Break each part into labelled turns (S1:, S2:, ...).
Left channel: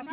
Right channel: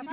S1: அம்மா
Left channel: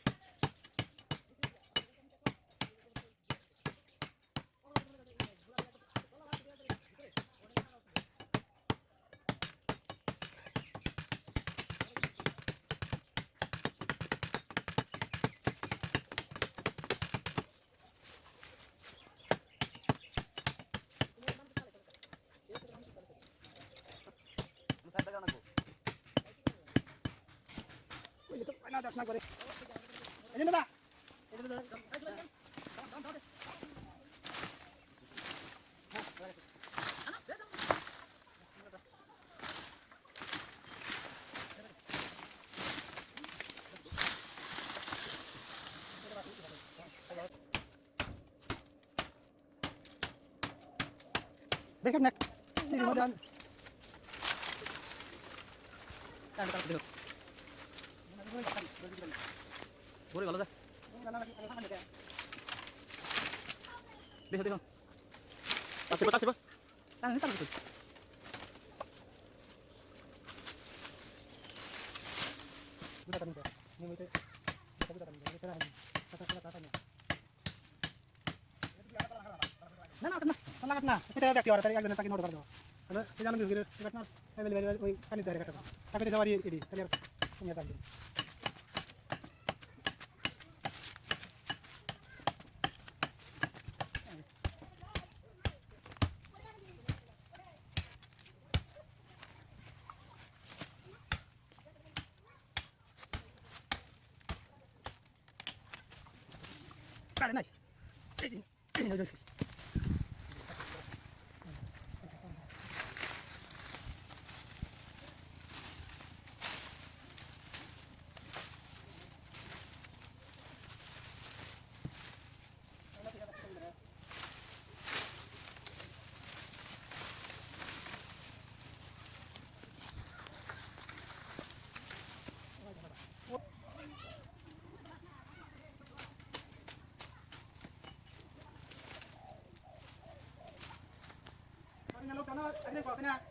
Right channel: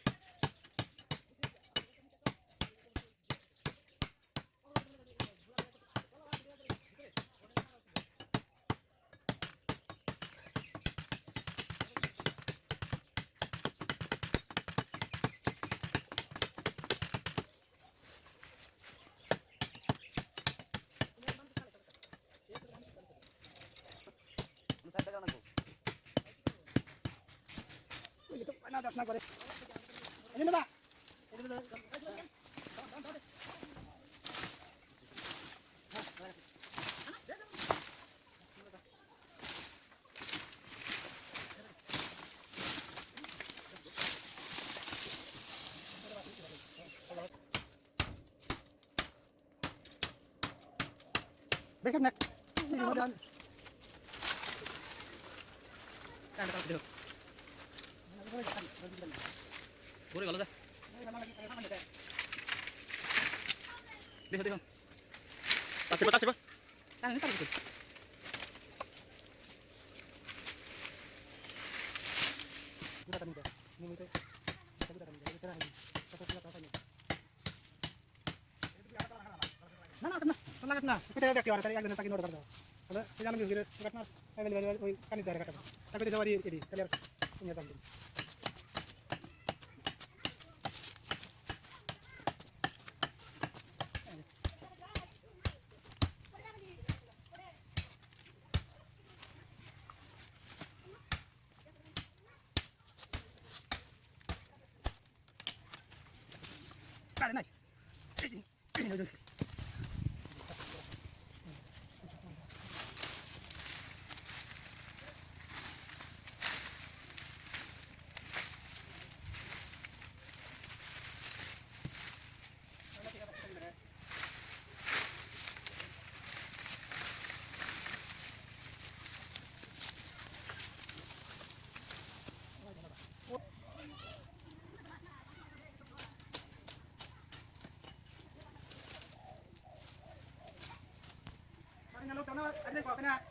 S1: na করে। না দেখেন না।
S2: ঘুরে গেল যা। দেখো দেখো কাছে বা.
S1: না না না নোট করে দাও তাহলে ওই পানি ধরে কাটা তাকে দিতে পারি এডি তাহলে
S2: 等到明 nó ấn.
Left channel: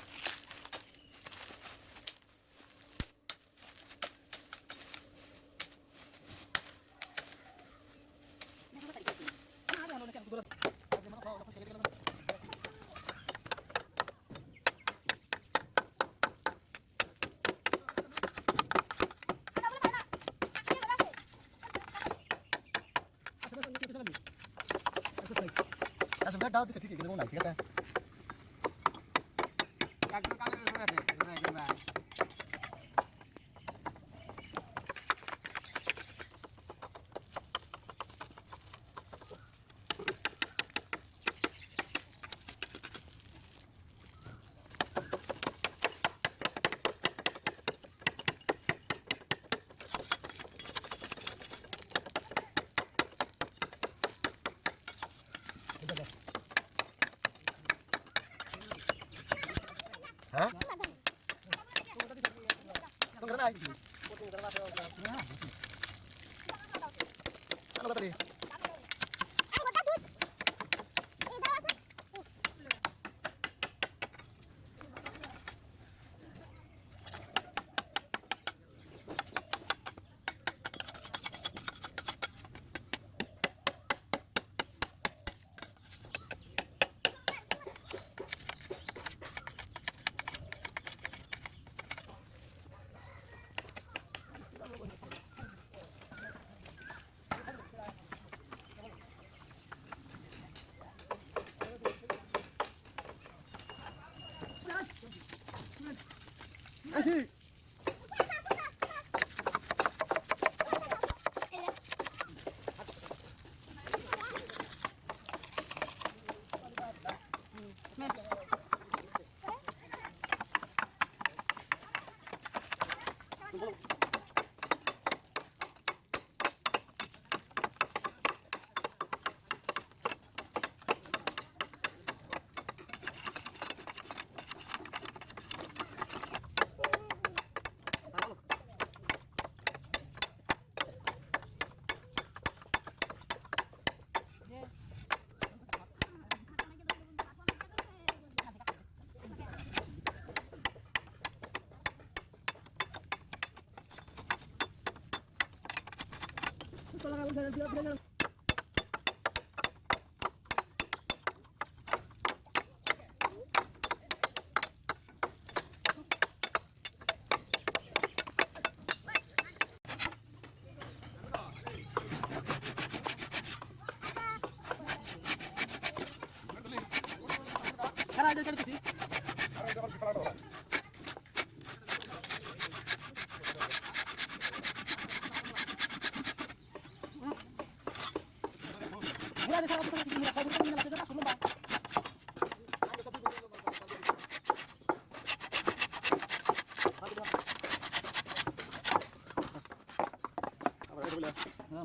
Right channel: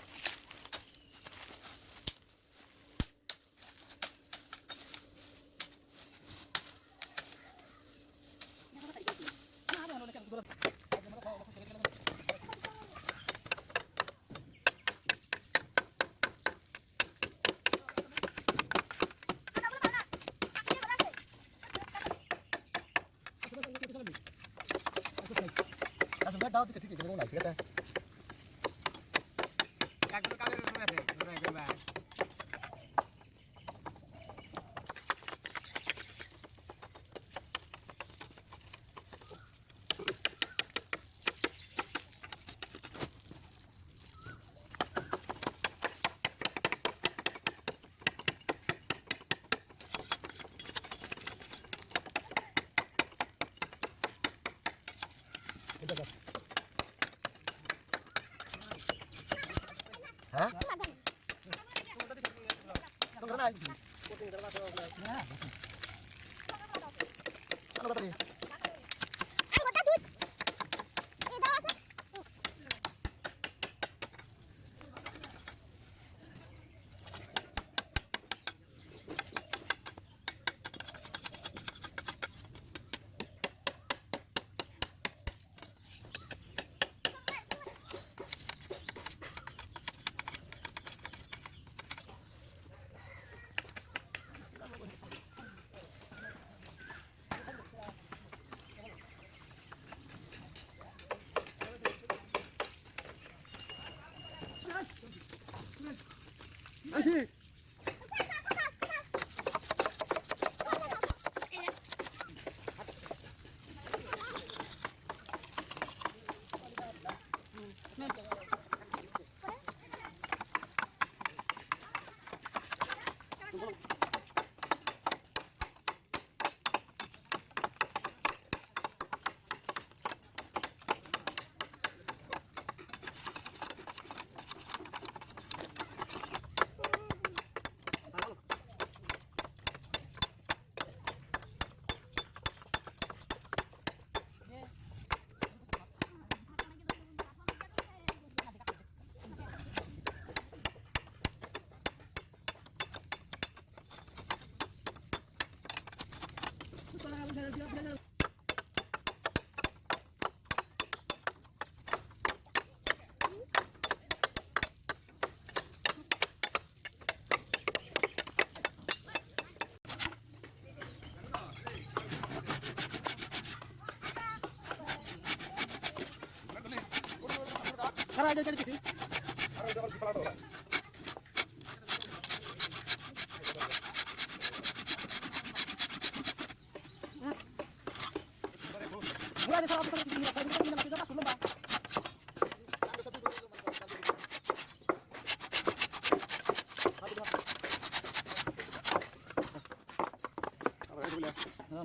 S1: hết đó
S2: thì thích kế cái
S1: món này thiệt ra Thank you. হয়? ঠিক আছে
S3: একদম কালের মনে আছে একদম
S2: 어?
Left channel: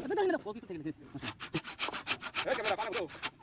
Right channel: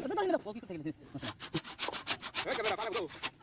S2: Betul ini dah. Oke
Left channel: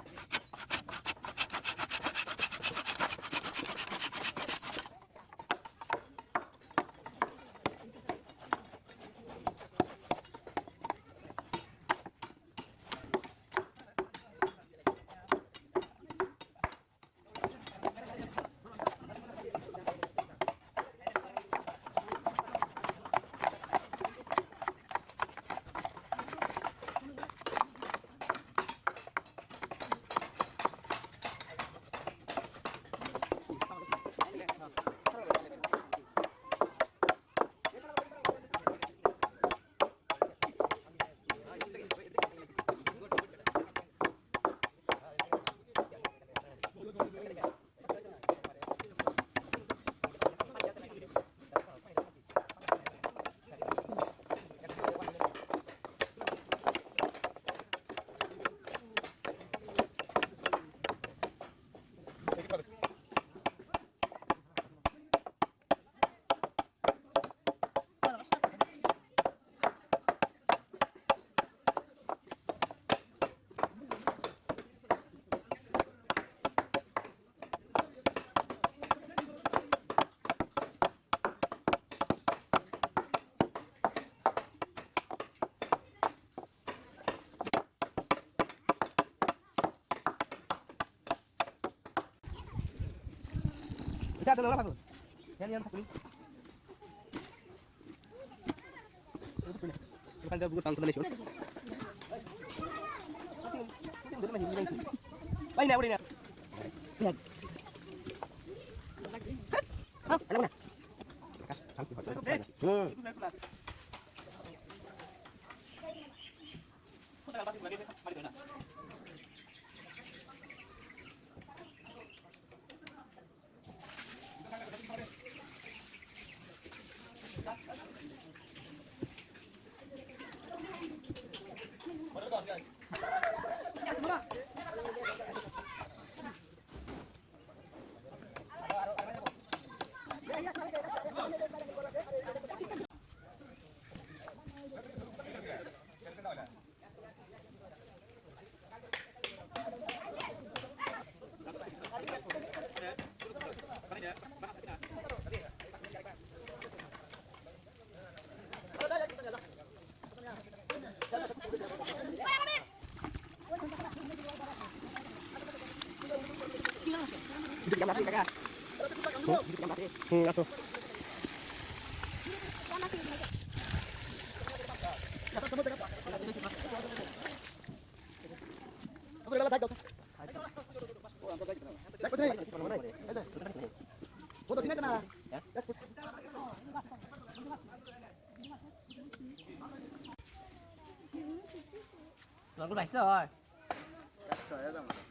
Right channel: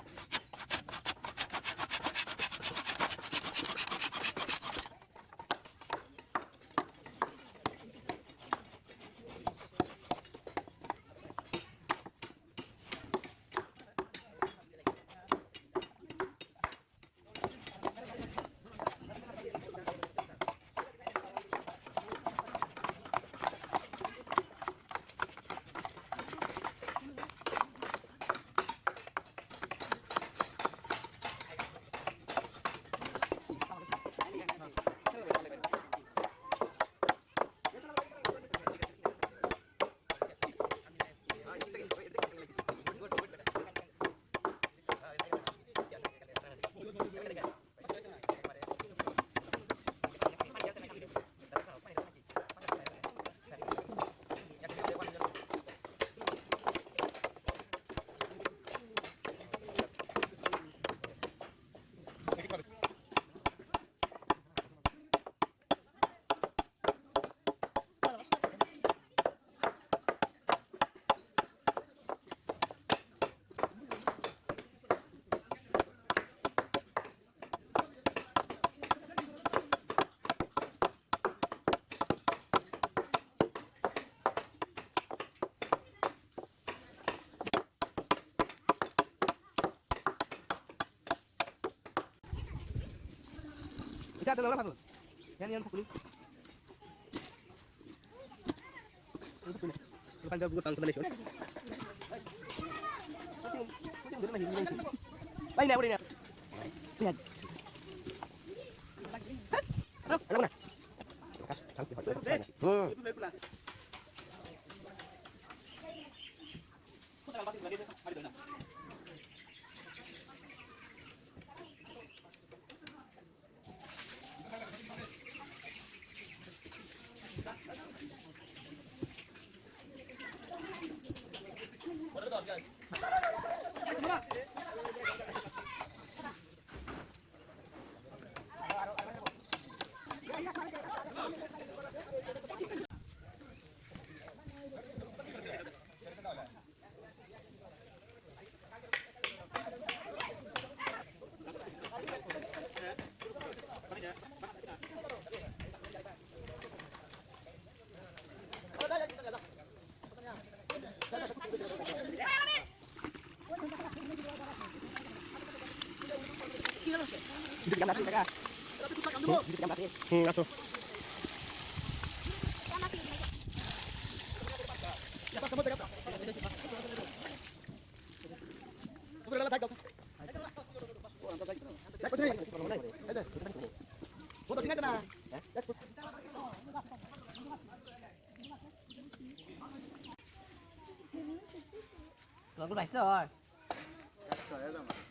S2: Kita
S4: ada lawan satu, Dan yang kuning. Itu kuning. Bukan gak bukan teman sih. Baik Lihat. Anak mana? হুম আসো Vâng, có bạch rồi. Cắt rồi đó.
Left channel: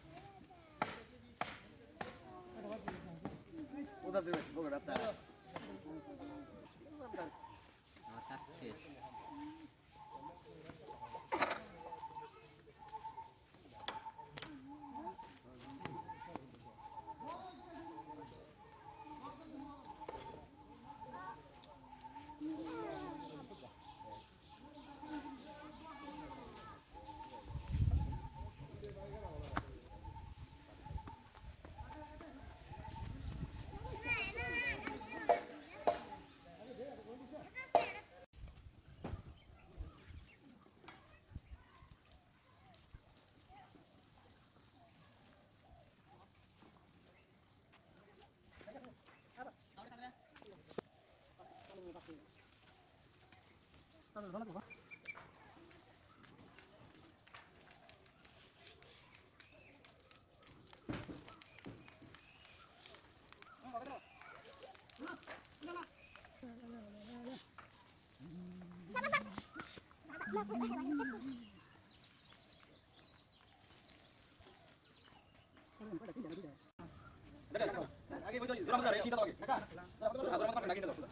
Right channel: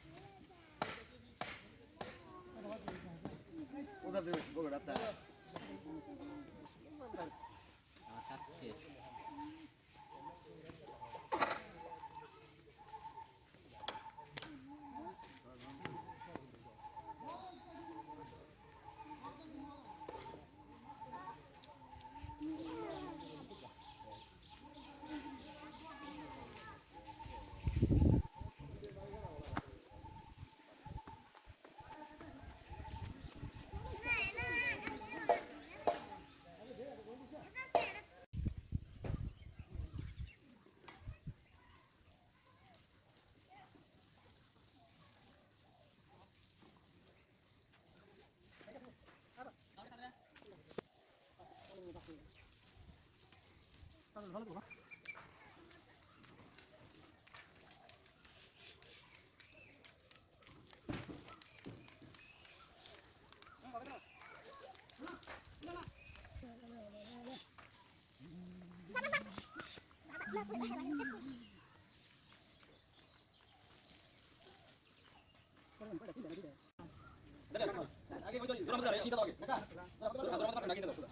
S4: आगे वो
S2: जो जरा
S4: मत आ रहा है
S2: सीधा आगे जरा मत आ रहा है नागिन दो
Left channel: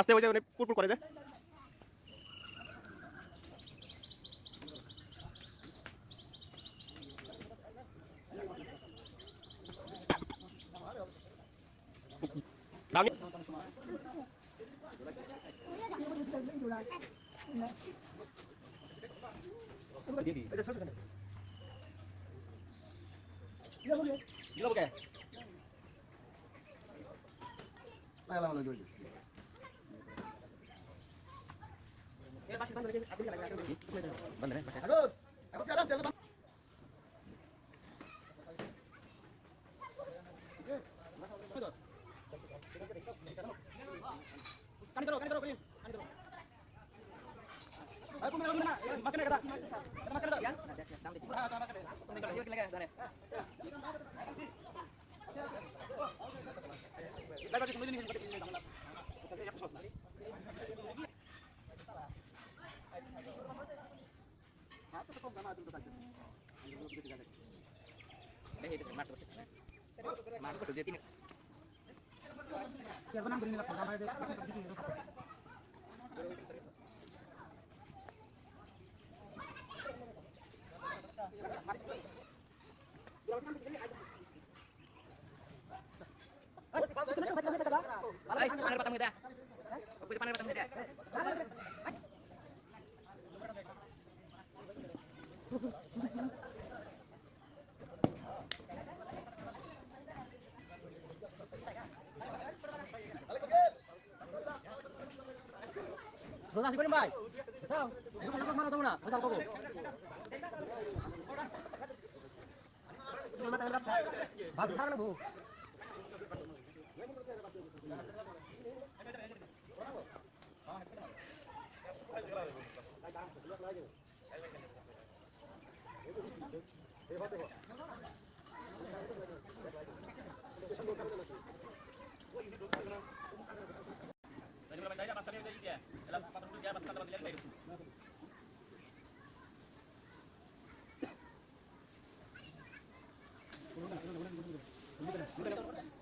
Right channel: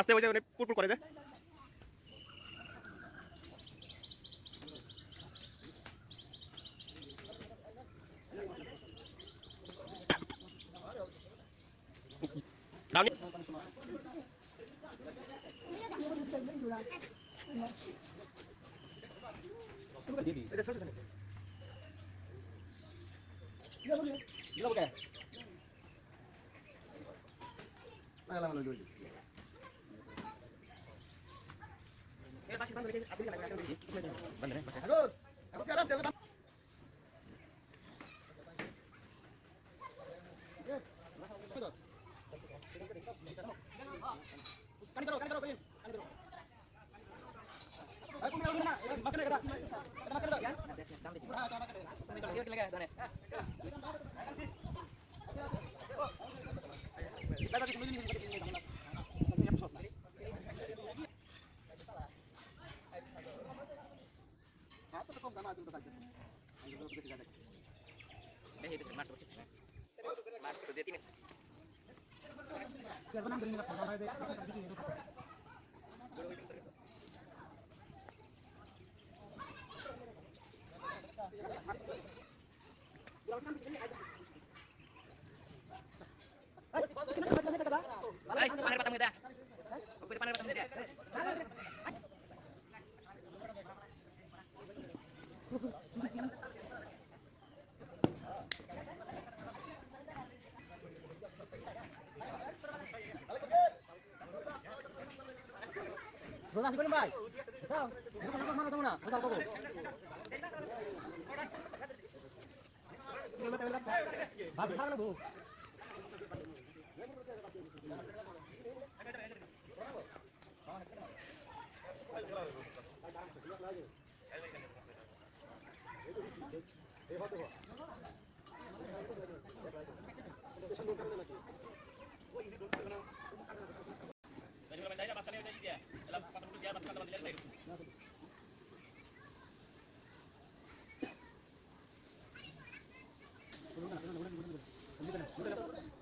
S2: আস্তে হয়ে যায় মানে পুরপুর করে দে।
S1: Siapa nang beri nilai sampai deh.
S2: Ay, paner patang Dua nasi goreng, Bay. Ciao. Ini mana tahu mana? Misal kok. Masal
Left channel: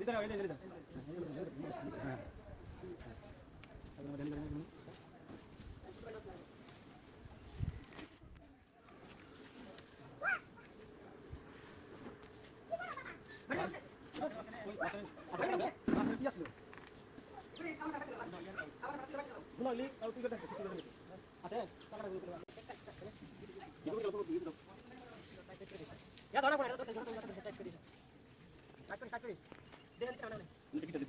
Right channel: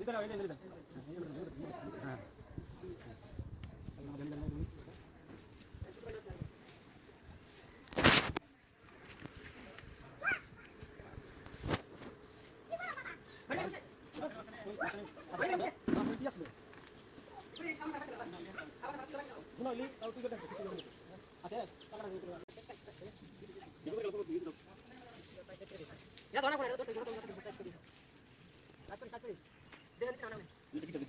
S2: Ya, tolong aku ada terus jodoh jodoh terus terus. Kacau kacau. Dia ni sana ni. Ini kita kita. Ini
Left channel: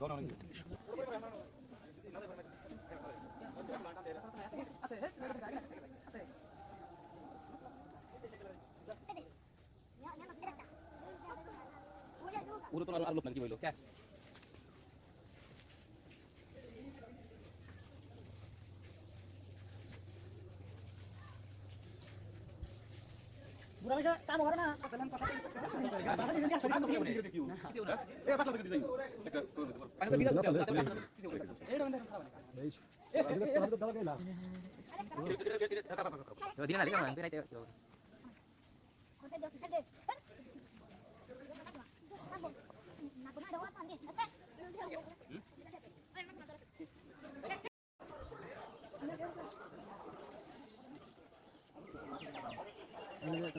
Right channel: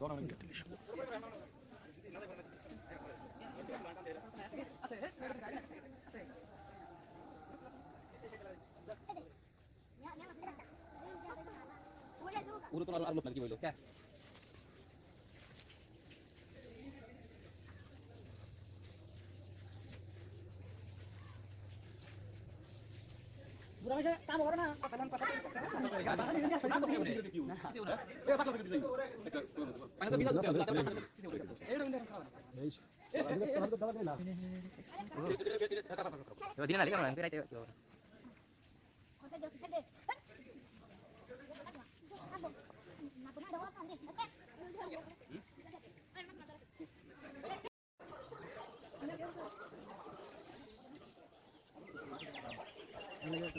S2: bisa tu. Jadi ngali kan nanti Nah, ada